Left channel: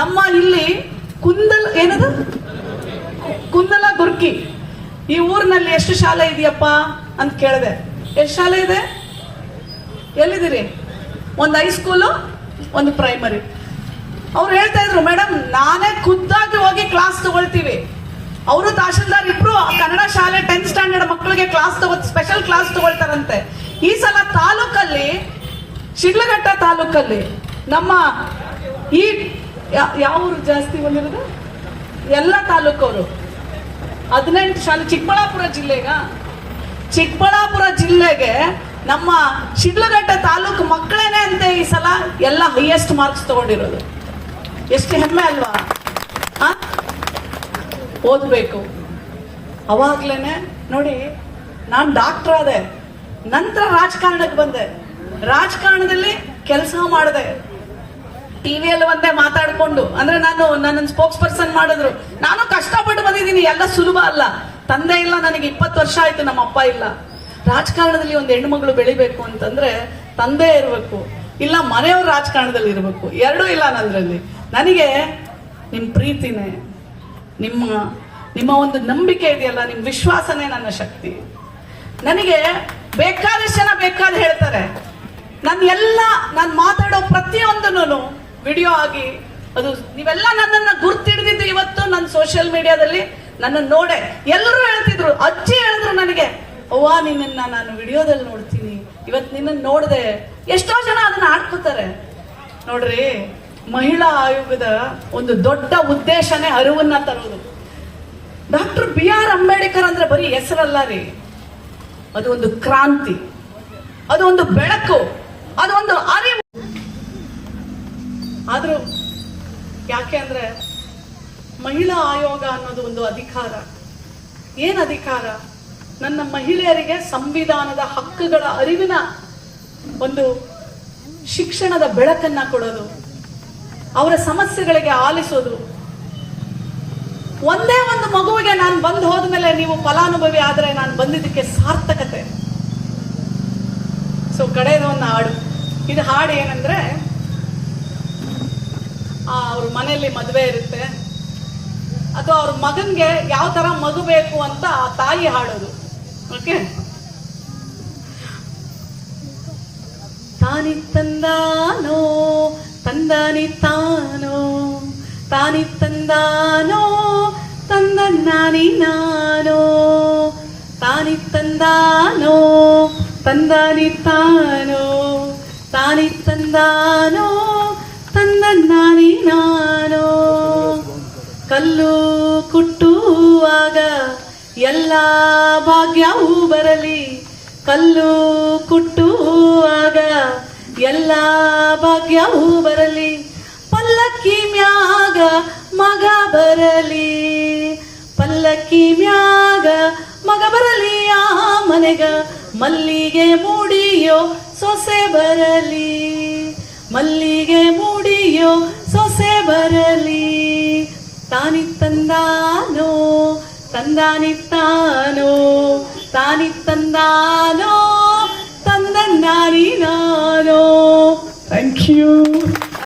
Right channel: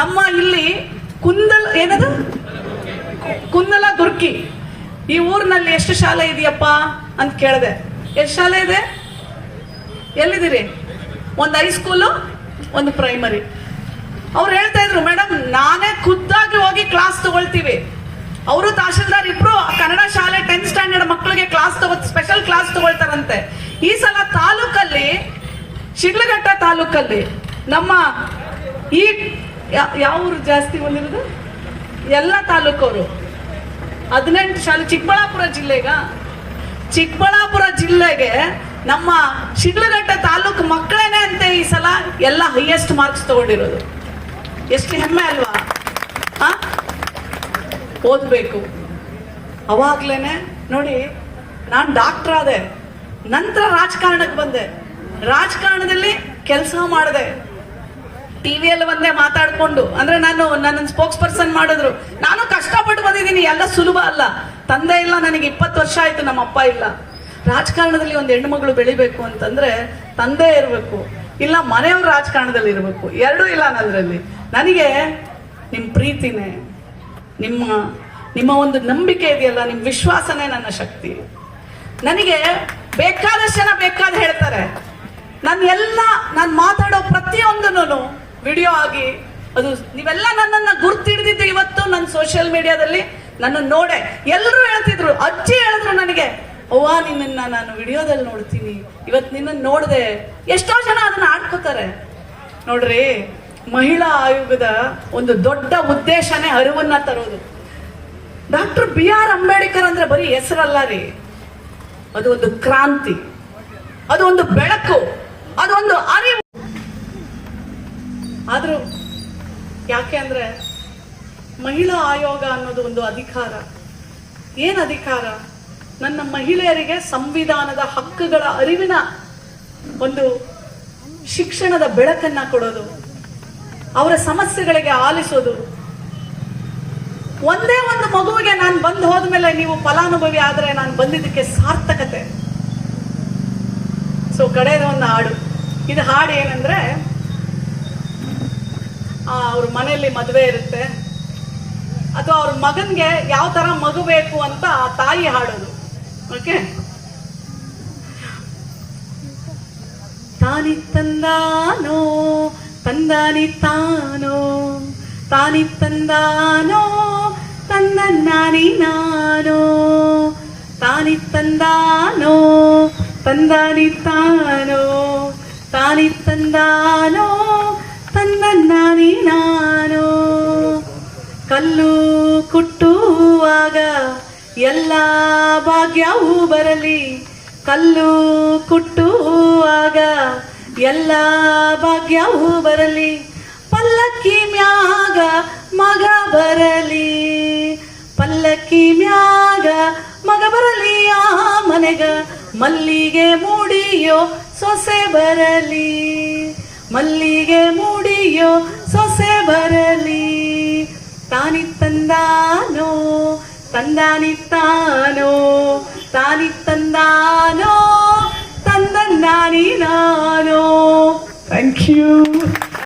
ನಮ್ಮ ಇಲ್ಲಿ ಕುಂದಲ್ ಏನದು? ಕುಂದಲ ಗುರ್ಕಿ ಈ ಊರಿನಲ್ಲಿ ಎಷ್ಟು ಶಾಲೆ ಇದೆಯಪ್ಪ ಅಂತ ಕೇಳಿದೆ. ಎಷ್ಟು ಶಾಲೆ ಇದೆ? ಎಲ್ಲಿದ್ದೀರಿ? ಒಂದು ಹೈಸ್ಕೂಲು ಒಂದು ಪ್ರೈಮರಿ ಅವ್ರು ಹೇಳ್ತಾ ಇದ್ರು ಮೇಡಮ್ ನಾನೇ ಖುದ್ದಾಗಿ ಹೋಗಿ ಕ್ಲಾಸ್ ತಗೊಳ್ತೀವಿ. ಅವರು ತಹಶೀಲ್ದಾರ್ ಇಬ್ರು ಕನ್ನಡ ಶಾಲೆ ಟೆಂತ್ ಸ್ಟ್ಯಾಂಡರ್ಡ್ ಮಕ್ಕಳಿಗೆ ಕ್ಲಾಸ್ ತಗೋ ಸ್ಪೆಷಲ್ ಕ್ಲಾಸ್ ತಗೊಳ್ತಾರಂತೆ. ಈ ಸಲ ತಾಲೂಕಲ್ಲಿ, ಶಿಡ್ಲಘಟ್ಟ ತಾಲೂಕಲ್ಲಿ ನಮ್ಮ ಈ ಯಾವ ಊರು ಜಾಸ್ತಿ ಬಂದಿರೋದು? ಎಲ್ಲ ತಾಲೂಕವರು. ಹದಿನೆಂಟು ಶಾಲೆ, ಚಿಕ್ಕಬಳ್ಳಾಪುರ ಜಿಲ್ಲೆಗ ಚಿಕ್ಕಬಳ್ಳಾಪುರ ಜಿಲ್ಲೆಗೆ ನಮ್ಮ ಶಿಡ್ಲಘಟ್ಟ ತಾಲೂಕು ಮಕ್ಕಳೇನೆ ಅಂತೆ ಈ ಸಲ ಎಲ್ಲ ಹೈಯೆಸ್ಟ್ ಮಾರ್ಕ್ಸ್ ತಗೊಂಡಿರೋದು. ಎಷ್ಟು ಹೆಮ್ಮೆ ಅಲ್ವಾ? ಓದ್ಬೇಕು. ಅವಾಗ್ಲೇನೆ ನೋಡಿ, ನಾನು ಡಾಕ್ಟರ್ ಆದೆ. ನಂತರ ರಾಜಕಾರಣಕ್ಕೆ ಬಂದೆ. ರಾಜಕಾರಣದಲ್ಲಿ ಕೆಲಸ ಮಾಡಿದೆ. ಟಿವಿಯಲ್ಲಿ ಒಂದೇ ಮಾತಾಡ್ಕೊಂಡು, ಅಂದ್ರೆ ನಾನು ನನ್ನ ಸ್ಪೋಕ್ಸ್ ಪರ್ಸನ್ ಮಾಡಿದ್ರು. ನಾನು ಕಷ್ಟಪಟ್ಟು ಬಂದಿದ್ದೀನಿ, ಎಲ್ಲ ಸುಲಭ ಅಲ್ಲ. ತಂದೆ ಇಲ್ಲ, ನನಗೆ ಇಪ್ಪತ್ತು ವರ್ಷ ಆಯ್ತು, ನಮ್ಮ ಅಪ್ಪ ಇಲ್ಲ. ರಾಜಕಾರಣದಲ್ಲಿ ಒಂದು ಹೆಣ್ಮಗಳು ಬೆಳಿಬೇಕು ಅಂತಂದ್ರೆ ತಂದೆ ಇರಬೇಕು, ಇಲ್ಲ ಮನೆಯವ್ರ ರಾಜಕಾರಣದಲ್ಲಿ ಇರಬೇಕು, ಎರಡೂ ಇಲ್ಲ ನನ್ನದ್ರಲ್ಲಿ ನನಗೆ ನಿಮ್ಮ ಪ್ರೀತಿನೇ, ನಿಮ್ಮ ನಿಮ್ಮ ಒಂದು ನಂಬಿಕೆ ಇದೆಯಲ್ಲ ನಿಮ್ಮ ವಿಶ್ವಾಸನೇ ನನ್ನ ಶಕ್ತಿ. ನನಗೆ ಬೇಕಾದಷ್ಟು ಜನ ಬೇಕಾದ ಹೇಳ್ತಾರೆ. ನಾನು ಎಲ್ಲ ನಾನು ಮಾತಾಡೋ ಪ್ರತಿಯೊಂದನ್ನು ವಿಡಿಯೋ ಆಗಿ ಅದು ನೀವೆಲ್ಲ ನನ್ನನ್ನು ಗುರ್ತಿಡ್ದಿದ್ದು ಇವತ್ತು ನನ್ನ ಸೋಷಿಯಲ್ ಮೀಡಿಯಾದಲ್ಲಿ ನನ್ನ ನೋಡೆ. ಎಲ್ಲರೂ ಹೇಳ್ತಿದ್ರು. ಅಜ್ಜಿ ಹೇಳಿದ್ರು ನನಗೆ, ಅವ್ವ ನಿನ್ನ ನಾನು ವಿಡಿಯೋದಲ್ಲಿ ನೋಡ್ತೀನಿ. ಇವತ್ತು ನಿನ್ನನ್ನು ನೋಡಿದೆ. ಎಷ್ಟೋ ಜನ ಅದನ್ನ ಆಡ್ಕೋತಾರೆ ನೋಡ್ರಿ, ಮಹಿಳಾ ಆಯೋಗದ ಒಂದು ದೊಡ್ಡ ಉದ್ದೇಶನೇ ಅರಿವನ್ನ ತರೋದು. ಡಾಕ್ಟರ್ ಬಿ ಆರ್ ಅಂಬೇಡ್ಕರ್ ಅಂದ್ರೆ ಬರೀ ಹೆಸರಲ್ಲ ರೀ. ಅದು ಒಂದು ಕ್ರಾಂತಿ. ಅದು ಒಂದು ಬೆಳಕು. ಅದೊಂದು ಅರಿವು. ಆದ್ರೂ ಯಾಕೆ ಅಂದರೆ ಮಹಿಳಾ ಆಯೋಗ ಅನ್ನೋದು ಒಂದು ಅಧಿಕಾರ. ಏನು ಅಧಿಕಾರ? ನನ್ನ ಮಹಿಳೆಯರಿಗೆ ಸಂವಿಧಾನದ ಹಕ್ಕುಗಳ ಅರಿವಿನ ಒಂದು ಶಿಕ್ಷಣದ ಬೆಳಕನ್ನ ಕೊಡೋದು, ಅವರ ಸಮಸ್ಯೆಗಳಿಗೆ ಆಲಿಸೋದು. ಒಂದೇ ಒಂದು ಮಗುವಿಗೆ ನಾನು ಬಂದು ಹೋದ್ಮೇಲೆ ನೀವು ಫಲಾನುಭವಿ ಆದರೆ ನಾನು ಬಂದಿದ್ದಕ್ಕೆ ಸಾರ್ಥಕತೆ. ಸೊ ಕಡೆಯ ಒಂದು ಹಾಡು. ಇದು ಹಾಡು ಏನಂದ್ರೆ ಅವ್ರ ಮನೆಯಲ್ಲಿ ಮದುವೆ ಇರುತ್ತೆ. ಅಥವಾ ಅವ್ರ ಮಗನ್ಗೆ ಯಾವ ತರ ಮಗು ಬೇಕು ಅಂತ ಆ ತಾಯಿ ಹಾಡೋದು. ಓಕೆ ತಾನಿ ತಂದಾನೋ, ತಂದಾನಿ ತಾನೋ, ತಾನಿ ತಂದಾನೋ, ತಂದನ್ನಾನಿ ನಾನೋ, ತಾನಿ ತಂದಾನೋ, ತಂದಾನಿ ತಾನೋ, ತಾನಿ ತಂದಾನೋ ಕಲ್ಲು ಕುಟ್ಟುವಾಗ ಎಲ್ಲ ಭಾಗ್ಯವೂ ಬರಲಿ. ಕಲ್ಲು ಕುಟ್ಟುವಾಗ ಎಲ್ಲ ಭಾಗ್ಯವೂ ಬರಲಿ. ಪಲ್ಲಕ್ಕಿ ಮ್ಯಾಗ ಮಗ ಬರಲಿ. ಪಲ್ಲಕ್ಕಿ ಮ್ಯಾಗ ಮಗ ಬರಲಿ, ಆ ಮನೆಗ ಮಲ್ಲಿಗೆ ಮೂಡಿಯೋ ಸೊಸೆ ಬರಲಿ. ತಂದಾನಿ ತಾನೋ ತಾನಿ ತಂದಾನೋ ತಂದನ್ನಾನಿ ನಾನೋ ಥ್ಯಾಂಕ್ ಯು